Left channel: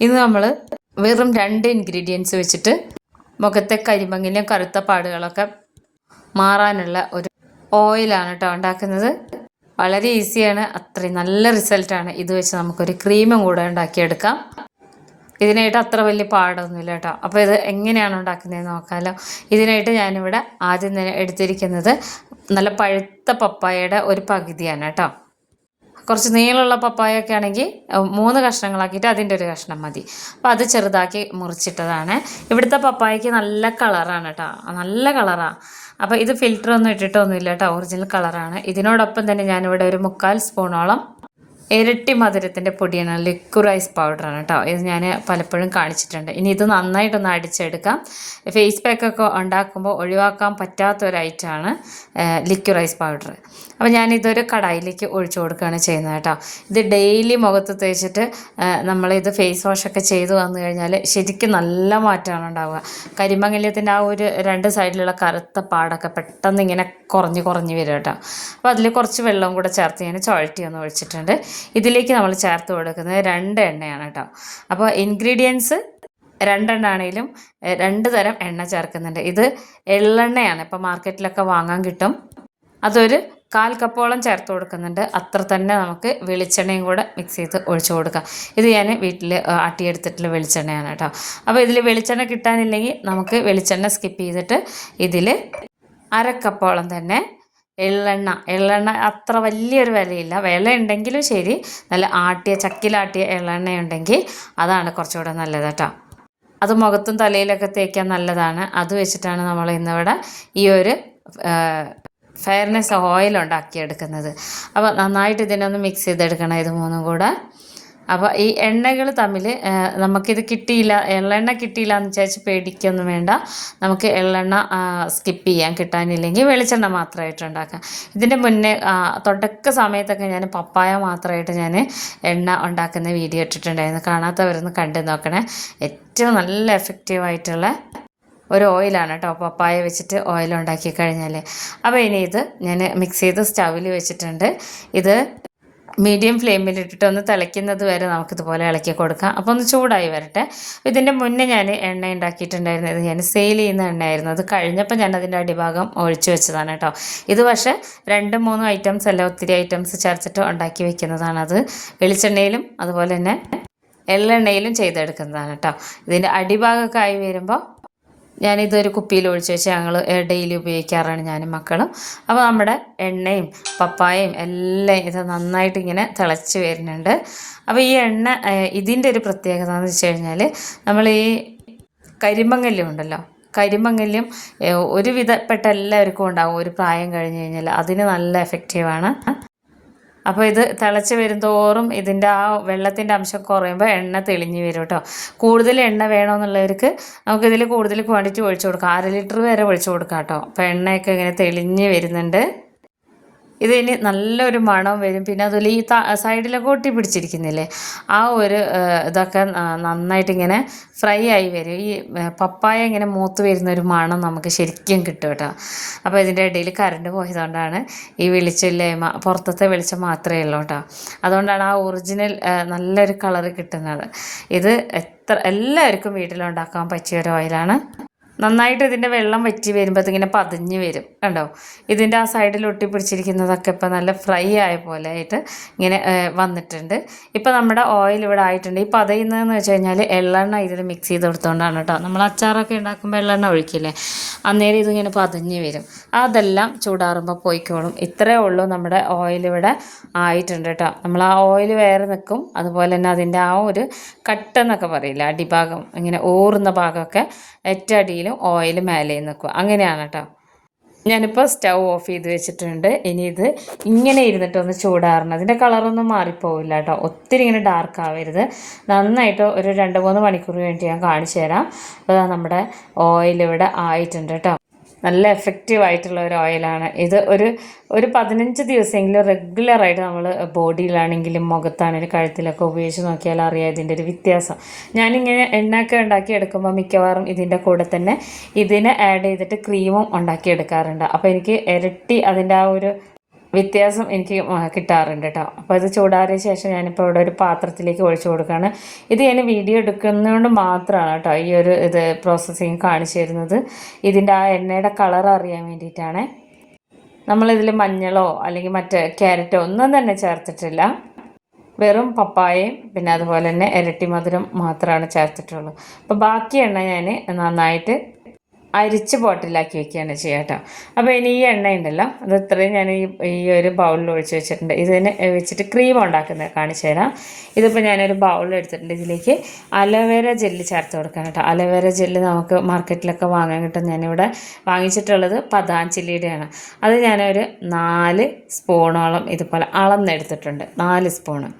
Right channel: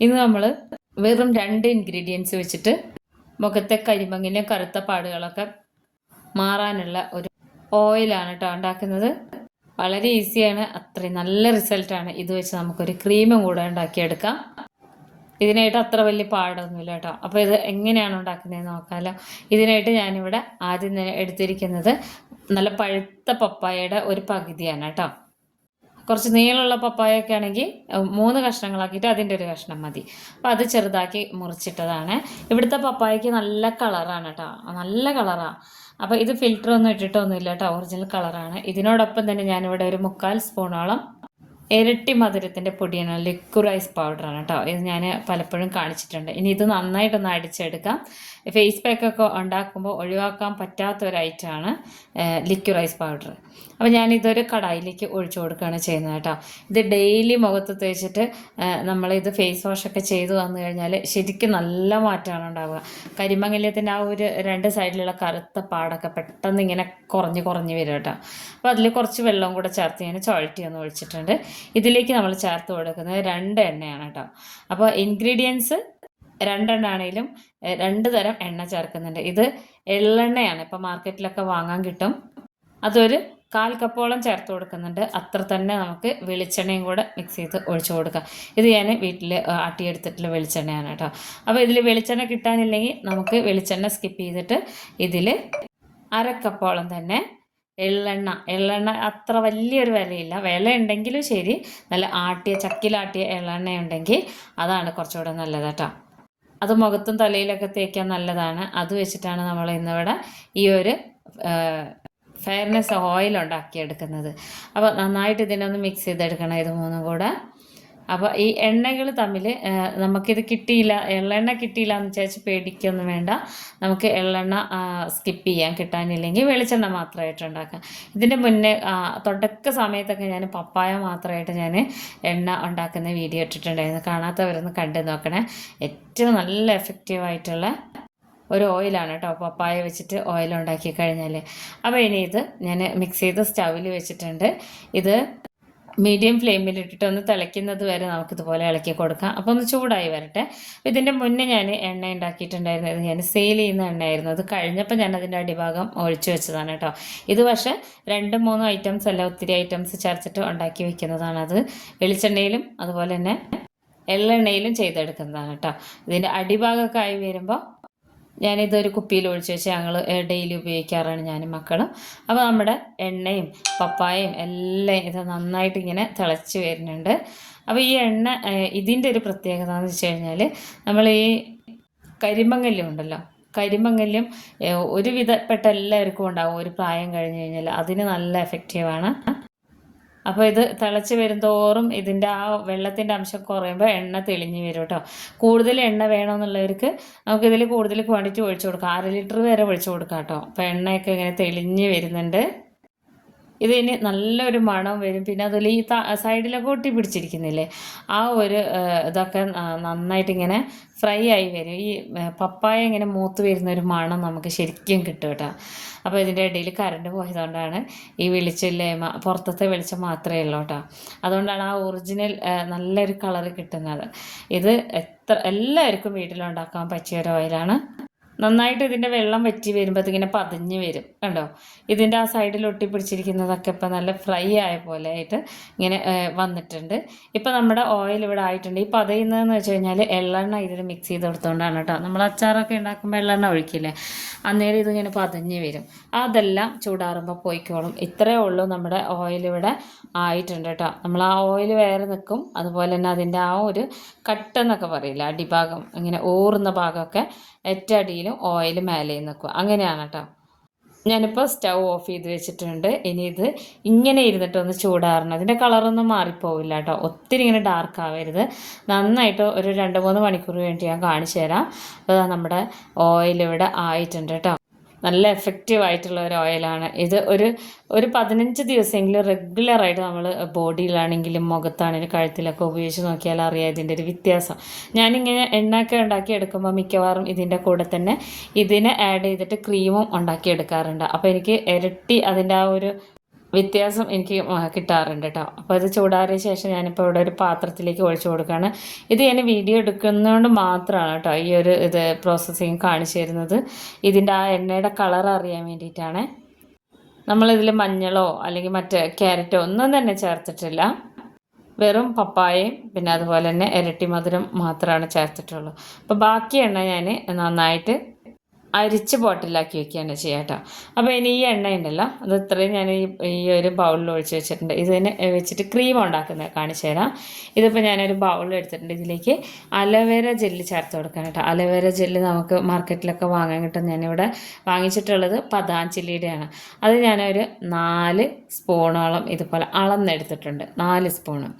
ഇന്ന് നമ്മൾ വെറും രണ്ട് ഇൻഗ്രീഡിയൻസ് വെച്ചിട്ട് മുഖത്തെ കരിമങ്ങിലും കറുത്ത പാടുകളൊക്കെ മാറാനുള്ള ഒരു ഓയിലാണ് കേട്ടോ ഉണ്ടാക്കുന്നത്. വളരെ ഈസിയാണ് അത്രയും നല്ല റിസൾട്ടാണ് ഇത് വെച്ച് നമുക്കൊരു ക്രീമും കൂടെ ഉണ്ടാക്കിയെടുക്കാം. ഇതിനായിട്ട് അത്ര വലിയ പാടൊന്നുമില്ല കേട്ടോ അപ്പോൾ ഇത് എങ്ങനെയാണ് ഉണ്ടാക്കുന്നത് നോക്കാമല്ലോ ഇതിനായിട്ട് ഞാനിവിടെ ആദ്യം തന്നെ എടുത്തിരിക്കുന്നത് നല്ല പഴുത്ത പപ്പായയുടെ ഒരു പകുതിയാണ് കേട്ടോ കുറച്ച് നീളമുള്ള പപ്പായ ഒക്കെ ആണെങ്കിൽ മൂന്ന് കഷ്ണങ്ങളാക്കിയിട്ട് അതിന്റെ ഒരു കഷ്ണം മതി. അപ്പോൾ അത് ചെറുതാക്കി മുറിച്ചിട്ടതാണ്. ഇവിടുത്തെ പപ്പായക്ക് നല്ല കളറാണ് കേട്ടോ. നല്ല കളറാണ് അപ്പോൾ ഇത് ഫിൽറ്റർ ഒന്നും ഇട്ടിട്ടൊന്നുമില്ല കേട്ടോ. ഒറിജിനൽ കളറാണ്. ഇതിനോടൊപ്പം തന്നെ ഞാനിവിടെ ഒരു മുക്കാൽ സ്പൂണോളം ഇരട്ടി മധുരത്തിന്റെ പൊടിയാണ്. ലിക്വിഡ് റൈസ് പൗഡറാണ് കേട്ടോ ഇത് ഞാൻ പലപ്പോഴും കാണിച്ചിട്ടുണ്ട്. ഇനി ഇത് നന്നായിട്ടൊന്ന് അടിച്ചെടുക്കാം. ഫേസ് പാക്കൊക്കെ ഉണ്ടാക്കുമ്പോൾ ഒഴിവാക്കാൻ പറ്റാത്ത ഒരു ഐറ്റമാണ് ലിക്വിഡ് റൈസ് പൗഡർ അപ്പോൾ ഞാനിതൊരു കടായിലേക്ക് ഒഴിച്ചു കൊടുക്കുകയാണ് ചെയ്യുന്നത് കേട്ടോ ഇത് ഡെയിലി മുഖത്ത് തേച്ചിട്ട് നമ്മളിത് ഫേസ് വാഷൊക്കെ ചെയ്തു വന്നു കഴിഞ്ഞാൽ ശരിക്കും നല്ല മാറ്റമാണ് ഉണ്ടാവുക. കരിമങ്ങല്യത്തിന്റെ ആ ഒരു രണ്ട് സൈഡിലുള്ള കറുത്ത പാടൊക്കെ പെട്ടെന്ന് ഇങ്ങനെ കുറഞ്ഞ് കുറഞ്ഞ് വരും കേട്ടോ അപ്പോൾ അതിൽ കുറച്ച് വെള്ളവും കൂടെ ചേർത്ത് ഞാൻ ചുഴറ്റി ഒന്ന് ഒഴിച്ചിട്ടുണ്ട്. ഇതിലേക്ക് നമ്മൾ ചേർത്ത് കൊടുക്കുന്നത് രണ്ട് എണ്ണയാണ് കേട്ടോ. അപ്പോൾ ഇൻഗ്രീഡിയൻസ് രണ്ടെണ്ണാണേലും രണ്ട് തരം എണ്ണ ചേർക്കുന്നുണ്ട്. ഇത് എള്ളെണ്ണയാണ്. ഇപ്പോൾ മാർക്കറ്റിലൊക്കെ വാങ്ങാൻ കിട്ടും. അതൊരു കാൽ കപ്പോളം ചേർത്ത് കൊടുക്കുന്നുണ്ട്. അത്ര തന്നെ നമുക്ക് വെളിച്ചെണ്ണയും കൂടെ മിക്സ് ചെയ്ത് ഒഴിച്ചു കൊടുക്കാം. ഇത് ഞാൻ വീട്ടിൽ ആട്ടിയെടുത്തിട്ടുള്ള വെളിച്ചെണ്ണയാണ് കേട്ടോ. അപ്പോൾ ഇതിൽ വെളിച്ചെണ്ണ കിട്ടാനില്ലെങ്കിൽ നമുക്ക് വെളിച്ചെണ്ണ സ്കിപ്പ് ചെയ്തിട്ട് ഇതിൽ അരക്കപ്പോളം തന്നെ എള്ളെണ്ണ. എള്ളെണ്ണ അത്ര വലിയൊരു വിലയില്ല. വില ഉണ്ടെങ്കിലും ശരി. നല്ല ആട്ടിയ ചക്കിലാട്ടിയ എള്ളെണ്ണ ഉണ്ടെങ്കിൽ അതാണ് കുറച്ചുകൂടെ നല്ലത് കേട്ടോ. അത് മുഖത്തും തലയിലൊക്കെ തേക്കാൻ നല്ലതാണ്. അത് വെച്ചിട്ടാണ് നമ്മൾ ഇന്നിവിടെ ഈ ഒരു ഫെയർനെസ് ഓയിൽ ഉണ്ടാക്കിയെടുക്കുന്നത്. അപ്പോൾ നന്നായിട്ട് ഇതിനൊന്ന് മിക്സ് ചെയ്തെടുക്കണം ഇത് മൂന്നും കൂടെ. അപ്പോൾ ഈ എണ്ണകൾ തമ്മിൽ നമുക്കിത് കിട്ടിയില്ല എള്ളെണ്ണ കിട്ടിയില്ല എന്ന് വിചാരിച്ച് പേടിക്കൊന്നും വേണ്ട. നമുക്ക് എള്ളെണ്ണ സ്കിപ്പ് ചെയ്യാൻ കിട്ടാനില്ലെങ്കിൽ വെളിച്ചെണ്ണ മാത്രമായിട്ട് ഉണ്ടാക്കാം. ഇതിന്റെ മുന്നേ തുടക്ക സമയത്തൊക്കെ ഞാൻ പപ്പായ മാത്രമായിട്ട് ഞാൻ എണ്ണ ഉണ്ടാക്കുന്ന വീഡിയോ ഇട്ടിട്ടുണ്ടായിരുന്നു. കാണാത്തവരൊന്ന് കണ്ടു നോക്കണേ. ഏറ്റവും നല്ല എഫക്റ്റീവായിട്ടുള്ള ഒരു ഓയിലാണ് കേട്ടോ പപ്പായ വെച്ചിട്ട് ഓയിൽ ഉണ്ടാക്കി കഴിഞ്ഞാൽ അപ്പോൾ ഇനി ഇത് ഞാൻ മിക്സ് ചെയ്ത് സ്റ്റൗവിൽ വെച്ചിട്ടുണ്ട്. ഇത് മീഡിയം ഫ്ലെയിമിൽ ഇട്ടിട്ട് ഒന്ന് തിളയ്ക്കുന്നത് വരെ നമുക്കിതുപോലെ ഇളക്കി കൊടുക്കാം. അപ്പോൾ ഒന്ന് ചൂടായി വരട്ടെ. ഇതിന്റെ മുന്നേ ഞാൻ എണ്ണ ഉണ്ടാക്കിയിട്ടുണ്ടായിരുന്നു. ഇത് ഞാൻ സെയിൽ ചെയ്യുന്ന എണ്ണയായിരുന്നു. അത് കഴിഞ്ഞപ്പോൾ ഞാൻ അതിന്റെ അടിഭാഗം ഒഴിച്ചു വെച്ചതാണ് കേട്ടോ. ഇത് പക്ഷേ രണ്ട് മൂന്ന് ഐറ്റംസ് അല്ല ഒത്തിരി ഐറ്റംസ് ചേർത്തിട്ട് ഉണ്ടാക്കി വെക്കുന്നതാണ് അത് വെളിച്ചെണ്ണയിലും അതുപോലെ തന്നെ എള്ളെണ്ണയിലും ചെയ്തെടുക്കുന്നതാണ് കേട്ടോ. ഇതിന്റെ അടിഭാഗമൊക്കെ ആയി വരുമ്പോൾ ഞാനിതൊരു കുപ്പിയിൽ ഒഴിച്ച് വെച്ച് ഞങ്ങൾ ഡെയിലി ഉപയോഗിക്കാറാണ് ഞാനും മക്കളും. അപ്പോൾ നമ്മുടെ എണ്ണയും പപ്പായയും എല്ലാം ഇത് നന്നായിട്ട് ഇങ്ങനെ തിളച്ച് വരുന്നുണ്ട്. അപ്പോൾ ഈ എണ്ണ ഇതിന്റെ ഒരു പ്രത്യേകത എന്ന് വെച്ച് കഴിഞ്ഞാൽ നമ്മൾ ഈ കരിമങ്ങല്യം ഉണ്ടല്ലോ കരിമങ്ങല്യം ഒരുവിധപ്പെട്ട എല്ലാവർക്കും ഉണ്ടാകും ഒരു പ്രായം കഴിഞ്ഞ് കഴിഞ്ഞാൽ അതിന് നല്ല എഫക്റ്റീവാണ് അപ്പോൾ ഇത് തിളച്ച് വരുന്തോറും ഇതിന്റെ ആ വെള്ളത്തിന്റെ അംശം കുറയുമ്പോൾ എണ്ണ തെളിഞ്ഞ് വരും കേട്ടോ കൂടുതൽ എണ്ണ വേണമെന്നുള്ളവർക്ക് നമുക്കിതിൽ കൂടുതൽ ക്വാണ്ടിറ്റി ഒഴിച്ചു കൊടുക്കാം. അര ലിറ്റർ വരെ ഒഴിച്ചു കൊടുക്കാം കേട്ടോ അപ്പോൾ എണ്ണയൊക്കെ ഇങ്ങനെ തെളിഞ്ഞ് വരുന്നുണ്ട്. ഇത് ഇനി നല്ലൊരു മണം വരും. പിന്നെ അതുപോലെ ഈ സൈഡിലൊക്കെ ഒട്ടി പിടിച്ചിരിക്കുന്നില്ലേ ആ ഒരു ഇതൊക്കെ നന്നായിട്ട് ഇങ്ങനെ ഫ്രൈ ആയി വരും. ഈ പപ്പായ ഇങ്ങനെ മൂത്ത് വരുന്ന ഒരു മണം നമുക്ക് ശരിക്കും കിട്ടും കേട്ടോ. അപ്പോൾ ഇതിന്റെ ഇടയിൽ കറണ്ട് പോയതുകൊണ്ടാണ് ഈ വെളിച്ചമില്ലേ പുറത്തത്തെ വെളിച്ചം മാത്രമേ ഉള്ളൂ കേട്ടോ. അതുകൊണ്ടാണ് ആ ഒറിജിനൽ നല്ലൊരു കളർ കിട്ടുന്നത്. ഇത് എത്ര എല്ലാവർക്കും വീട്ടിലുണ്ടാക്കാൻ പറ്റിയ ഒരു ഓയിലാണ് നന്നായിട്ട് ഇതിന്റെ വെള്ളം വറ്റി വരുമ്പോൾ ഇങ്ങനെ പതിഞ്ഞ് വരും കണ്ടോ? ഇതിന്റെ ആ സൈഡിൽ ഒട്ടി ഒട്ടിപ്പിടിച്ചിരിക്കുന്നതൊക്കെ ഇപ്പോൾ നല്ല ഫ്രൈ ആയ പോലെ ആയിട്ട് ഇങ്ങനെ വന്നിട്ടുണ്ട്. ഇപ്പോൾ നമ്മുടെ ഓയിൽ ഇവിടെ ആയിട്ടുണ്ട്. ഈ പതയുന്നതെന്ന് വെച്ച് കഴിഞ്ഞാൽ എള്ളെണ്ണ ഇതിൽ മിക്സ് ചെയ്ത് കൊടുത്തുകൊണ്ടാണ് കേട്ടോ നമ്മൾ അച്ചാറൊക്കെ ഉണ്ടാക്കുമ്പോൾ എള്ളെണ്ണ ഒഴിക്കില്ലേ? അന്നേരം ഇതിങ്ങനെ പതിഞ്ഞ് വരും. അതെല്ലാം ചൂടാറുമ്പോൾ പോയിക്കോളും. ഇത്രയേ ഉള്ളൂ നമ്മുടെ ഓയിൽ ഇവിടെ ആയിട്ടുണ്ട് കേട്ടോ നമ്മൾ ആ ഓയിൽ വേറെ നിൽക്കും അതുപോലെ തന്നെ അതിന്റെ ആ ഒരു കട്ടെന്നൊക്കെ പറയില്ല? അടിഭാഗം ഇങ്ങനെ ഊറുന്ന ഭാഗമൊക്കെ ഏറ്റവും അടിയിലും ഓയിൽ മേലെയും നിൽക്കും അങ്ങനെയാണ് കേട്ടോ ഞാനിപ്പോൾ സ്റ്റൗ ഓഫ് ചെയ്ത് വെച്ചിട്ടുണ്ട്. ഇനി ഇത് ഇങ്ങനെ ഇരുന്നിട്ടൊന്ന് ചൂടാറണം. അതിന്റെ കളറൊന്നും മാറിപ്പോവില്ല കേട്ടോ ഒത്തിരി ഇങ്ങനെ ഡാർക്ക് ആവരുത്. നന്നായിട്ട് ഒരു രണ്ട് മൂന്ന് മണിക്കൂർ വേണ്ടി ഞാൻ കാണിച്ചു തരാം അപ്പോൾ നമ്മുടെ ഓയിൽ ഇവിടെ ആയിട്ടുണ്ട് കേട്ടോ നല്ല എഫക്റ്റീവ് ആയിട്ടുള്ള ഒരു ഓയിലാണ് ഇത് ഒരു ഒരു പതിനഞ്ച് ദിവസമെങ്കിലും റെഗുലറായിട്ട് നമ്മൾ ബോഡിയിലാണെങ്കിലും മുഖത്താണെങ്കിലും കഴുത്തിലൊക്കെ ഉപയോഗിച്ച് നോക്കിയാൽ അറിയാം ഇതിന്റെ ഒരു വ്യത്യാസം. ഞാനിങ്ങനെ എണ്ണയൊക്കെ ഉണ്ടാക്കി എടുക്കുമ്പോൾ മിക്കവാറും ഇതിന്റെ കൂടെ തന്നെ ഇതിനെ ആഡ് ചെയ്തിട്ട് ക്രീമും ഉണ്ടാക്കി എടുക്കാറുണ്ട്. അപ്പോൾ എനിക്ക് ഇരട്ടി അതിന്റെ ആ ഒരു വ്യത്യാസം എനിക്ക് കിട്ടാറുണ്ട് കേട്ടോ അപ്പോൾ ഇത് ചൂടാറിയ ശേഷം ഞാനിപ്പോൾ ഇവിടെ ഒരു പാത്രത്തിലേക്ക് ഒഴിച്ചു കൊടുക്കുകയാണ് ഇത് ഞാൻ വീഡിയോ എടുക്കുന്നതുകൊണ്ട് മാത്രമാണ് കേട്ടോ ഈ ഒരു ഇത് പ്രോസസ്സിങ് കാണിച്ചു തരുന്നത്. ഇതിന്റെ ആ എണ്ണയുടെ കളർ അറിയാൻ വേണ്ടിയിട്ടാണ്. നമ്മളിതിൽ മഞ്ഞളോ അല്ലെങ്കിൽ മറ്റേ ക്യാരറ്റോ ഒന്നും തന്നെ ചേർത്തിട്ടില്ല. വെറും പപ്പായയും പിന്നെ അതുപോലെ തന്നെ ഇരട്ടി മധുരം മാത്രമാണ് ചേർത്തിട്ടുള്ളൂ. അപ്പോൾ ബാക്കി എണ്ണ ഞാൻ നന്നായിട്ട് അരിച്ച് ബോട്ടിലാക്കി വെക്കുകയാണ് ചെയ്യുക കേട്ടോ അപ്പോൾ ഇനി ഈ എണ്ണ ഉണ്ടല്ലോ അത് ഇത്രയും ഞാൻ ഈ ഈ ഒരു ബൗളിൽ ഒഴിച്ച് വെച്ചിട്ടുണ്ട്. ഇതിന് വെച്ചിട്ട് ക്രീം ഉണ്ടാക്കുന്നത് കാണിച്ചു തരാം. ഇതിപ്പോൾ ഞാനൊരു ബൗളിൽ എടുത്തിട്ടുണ്ട്. ഇതിലേക്ക് അലവേര ജെല്ല് ചേർത്ത് കൊടുക്കാൻ കേട്ടോ. അലവേര ജെല്ല് നമുക്ക് മാർക്കറ്റിലൊക്കെ വാങ്ങാൻ കിട്ടും. ഞാനിവിടെ വാങ്ങിച്ചിട്ടുള്ളത് പതാഞ്ചില്ലിയുടെയാണ് അത് ഞാനൊരു നാല് സ്പൂണോളം ഇതുപോലെ അളന്നെടുത്തിട്ടുണ്ട്. നാല് സ്പൂണ്.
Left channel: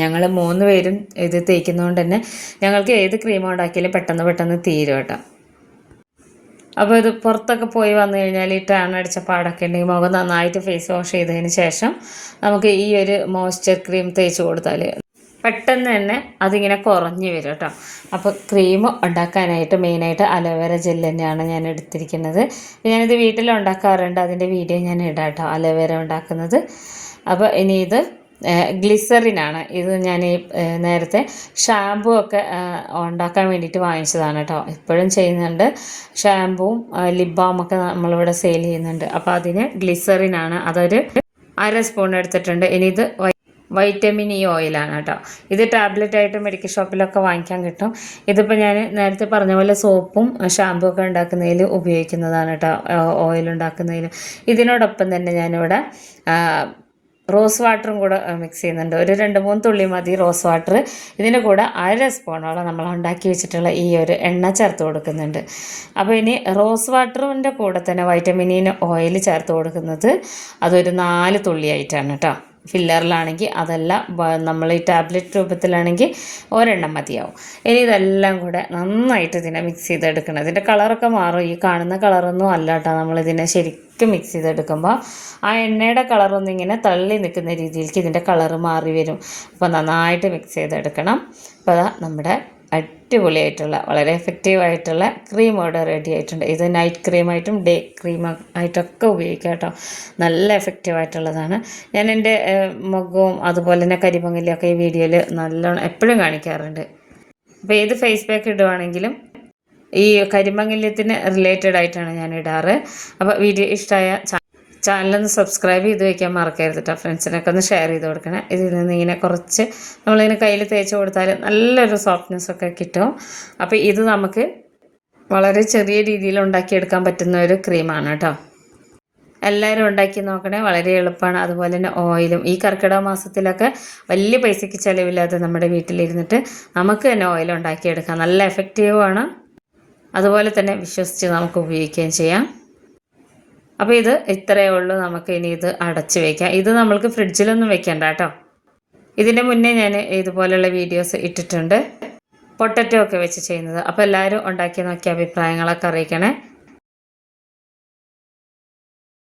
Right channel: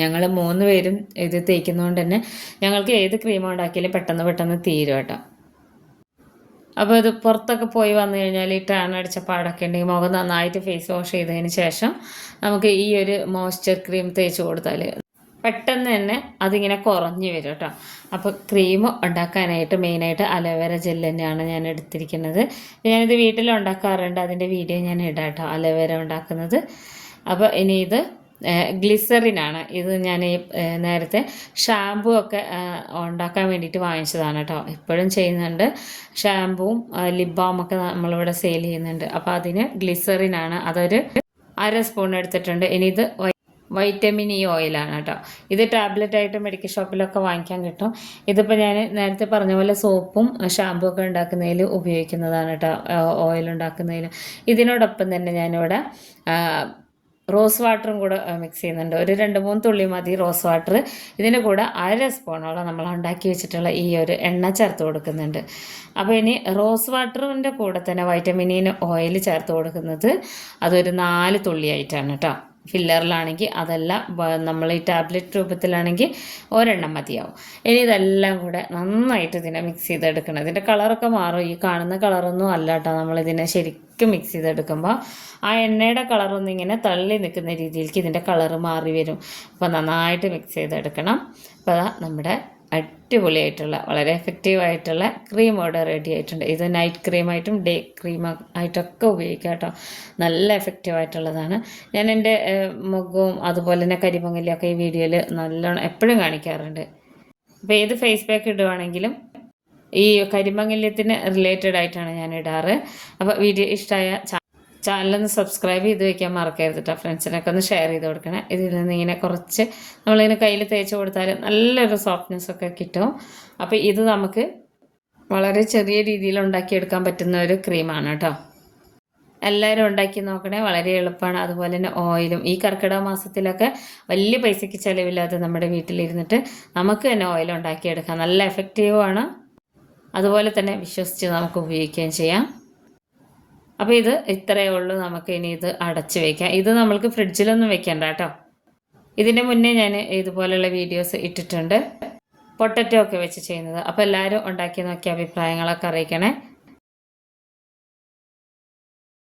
ഞങ്ങൾ മൂന്ന് പേരും ഇത് തേക്കുന്നതുകൊണ്ട് തന്നെ ഞങ്ങൾക്ക് ഏത് ക്രീം ഉണ്ടാക്കിയാലും പെട്ടെന്ന് പെട്ടെന്ന് തീരും കേട്ടോ. അപ്പോൾ ഇത് പുറത്തൊക്കെ പോയി വന്നു കഴിഞ്ഞാൽ ഈ ടാൻ അടിച്ച പാടൊക്കെ ഉണ്ടെങ്കിൽ മുഖം നന്നായിട്ട് ഫേസ് വാഷ് ചെയ്തതിന് ശേഷം നമുക്ക് ഈ ഒരു മോയ്സ്ചർ ക്രീം തേച്ച് കൊടുത്താൽ പെട്ടെന്ന് തന്നെ അതിങ്ങനെ കുറഞ്ഞു വരും കേട്ടോ. അപ്പോൾ ക്രീം ഉണ്ടാക്കാനായിട്ട് മെയിനായിട്ട് അലോവേര ജെൽ തന്നെയാണ് ഞാൻ എടുത്തിരിക്കുന്നത്. ഞാനിത് വീട്ടിൽ ഉണ്ടാക്കാറുണ്ട്. അതിന്റെ വീഡിയോ ഞാൻ ഇടാം കേട്ടോ. അലോവേര ഉണ്ടാക്കുന്നത്. അപ്പോൾ ഇനി ഇത് ഗ്ലിസറിനാണ്. ഇത് ഞാൻ ഈ നേരത്തെ ഷാമ്പു ഒക്കെ ഉണ്ടാക്കാൻ വേണ്ടിയിട്ട് വാങ്ങിച്ചതാണ് കേട്ടോ. ഇപ്പോഴും ചെയ്യുന്നുണ്ട്. ഷാമ്പുവും ലിപ് ബാമൊക്കെ നമ്മളിവിടെ സെയിൽ ചെയ്യുന്നുണ്ട്. അപ്പോൾ അതിന് ഗ്ലിസറിനാണ്. അതൊരു അര സ്പൂൺ എടുത്തിട്ടുണ്ട്. ഇനി ഇത് വൈറ്റമിൻ ഇ ഓയിലാണ് കേട്ടോ. ഇത് ടാബ്ലറ്റ് ആയിട്ട് മെഡിക്കൽ ഷോപ്പിലൊക്കെ വാങ്ങിക്കാൻ കിട്ടും. ഇതിപ്പോൾ ഞാൻ നേരത്തെ പറഞ്ഞ പോലെ സോപ്പും ഷാമ്പു ഒക്കെ ഉണ്ടാക്കുന്നതിൽ ഉപയോഗിക്കുന്നതാണ് കേട്ടോ. ഓയിൽ ഉണ്ടാക്കുന്നതിൽ. ഇതിനോടൊപ്പം തന്നെ ഞാനിവിടെ റോസ് വാട്ടറും കൂടെ മിക്സ് ചെയ്യുന്നുണ്ട്. ഒരു രണ്ട് മൂന്ന് തുള്ളി മതി റോസ് വാട്ടർ ഇതിന്റെ കൂടെ അര സ്പൂണോളം നമ്മൾ ഉണ്ടാക്കി വെച്ചിട്ടുള്ള ഈ ഒരു എണ്ണ ചേർത്ത് കൊടുക്കുന്നുണ്ട്. അപ്പോൾ ഇനി റോസ് വാട്ടറിന്റെ കൂടെ തന്നെ വൈറ്റമിനിന് ഓയിൽ ചേർത്ത് കൊടുക്കുന്നത് അതൊരു നാല് തുള്ളിയായിട്ടാണ് കേട്ടോ. ഫില്ലറിലാണെങ്കിൽ അതെല്ലാം നമ്മൾ ഈ ടാബ്ലറ്റ് രൂപത്തിലാണെങ്കിൽ ഒരെണ്ണം മതിയാവും. ഇനി ഇതെല്ലാം കൂടെ നന്നായിട്ട് ഇതിനെ മിക്സ് ചെയ്തെടുക്കണം. ഇതിന്റെ കളറൊക്കെ മാറും. ഈ കാണുന്ന കളറൊന്നും അല്ല കേട്ടോ. നമ്മളിതിനെ ശരിക്കും മിക്സ് ചെയ്തെടുക്കുമ്പോൾ ആ എണ്ണയുടെ കളറൊന്നും ഇങ്ങനെ തള്ളി നിൽക്കുന്ന രീതിയിലേക്ക് ഇതിന്റെ കളറ് മാറി വരും. അപ്പോൾ നന്നായിട്ട് മിക്സ് ചെയ്തെടുക്കണം. അപ്പോൾ നമ്മുടെ അടിപൊളിയായിട്ടുള്ള വളരെ എഫക്റ്റീവ് ആയിട്ടുള്ള ക്രീം ഇവിടെ റെഡി ആയിട്ടുണ്ട്. ഇത് നൈറ്റ് ക്രീമായിട്ടും ഡേ ക്രീം ആയിട്ടൊക്കെ ഉപയോഗിക്കാം കേട്ടോ. നല്ല എഫക്റ്റീവ് ആയിട്ടുള്ളതാണ്. ഞാൻ എന്റെ മുഖവും അതുപോലെ തന്നെ കരിമങ്ങലിയൊക്കെ ഈ വീഡിയോയിൽ നല്ലോണം എപ്പോഴും കാണിക്കാറുണ്ട്. അപ്പോൾ ഏത് ഫേസ് പാക്ക് ഇടുവാണെങ്കിലും ഈ കരിമംഗല്യത്തിന് റിലേറ്റഡ് ആയിട്ടാണ് ഞാൻ ഇടാറ്. അപ്പോൾ വീഡിയോ ഇഷ്ടമായ ചാനലൊന്ന് സബ്സ്ക്രൈബ് ചെയ്ത് വയ്ക്കാൻ മറക്കരുത് കേട്ടോ ഫ്രണ്ട്സിനൊക്കെ ഒന്ന് ഷെയർ ചെയ്ത് കൊടുക്കണം. ഇതിൽ നിന്ന് ഇങ്ങനെ കുറച്ച് നമ്മളിങ്ങനെ കയ്യിൽ തേച്ച് കൊടുത്താൽ നല്ലൊരു സോഫ്റ്റ്നെസ് ഒക്കെ കിട്ടും. അപ്പോൾ ഇത് നമുക്ക് വളരെ ചെറിയ രീതിയിൽ ഉണ്ടാക്കിയെടുക്കാൻ പറ്റുന്ന ഒരു ക്രീമാണ് കേട്ടോ എല്ലാവരും ഉണ്ടാക്കി നോക്കണേ. വളരെ എളുപ്പമാണ്. അതുപോലെ തന്നെ ഓയിലും. ഈ കർക്കിടക മാസത്തിലൊക്കെ വലിയ പൈസയ്ക്ക് ചിലവില്ലാതെ നമ്മുടെ വീട്ടിലിരുന്നിട്ട് നമുക്ക് തന്നെ ഓയിൽ ഉണ്ടാക്കിയെടുക്കാം. നല്ല എഫക്റ്റീവാണ് അതുപോലെ തന്നെ വിശ്വസിച്ച് നമുക്ക് ഉപയോഗിക്കുകയും ചെയ്യാം. അപ്പോൾ ഇത് ഇത്രയേ ഉള്ളൂ നമുക്ക് ഇനി ഇത് അടച്ചു വയ്ക്കാം ഇത് നമ്മൾക്ക് ഫ്രിഡ്ജിലൊന്നും വെക്കണ്ട കേട്ടോ. ഇതിന്റെ മുന്നേ ഞാൻ ഇതുപോലെയുള്ള വീഡിയോസ് ഇട്ടിട്ടുണ്ട്. പൊട്ടറ്റോ ഒക്കെ വെച്ച് ചെയ്യുന്നത്. അപ്പോൾ എല്ലാവരും ഉണ്ടാക്കി നോക്കിയ അഭിപ്രായങ്ങളൊക്കെ അറിയിക്കണേ.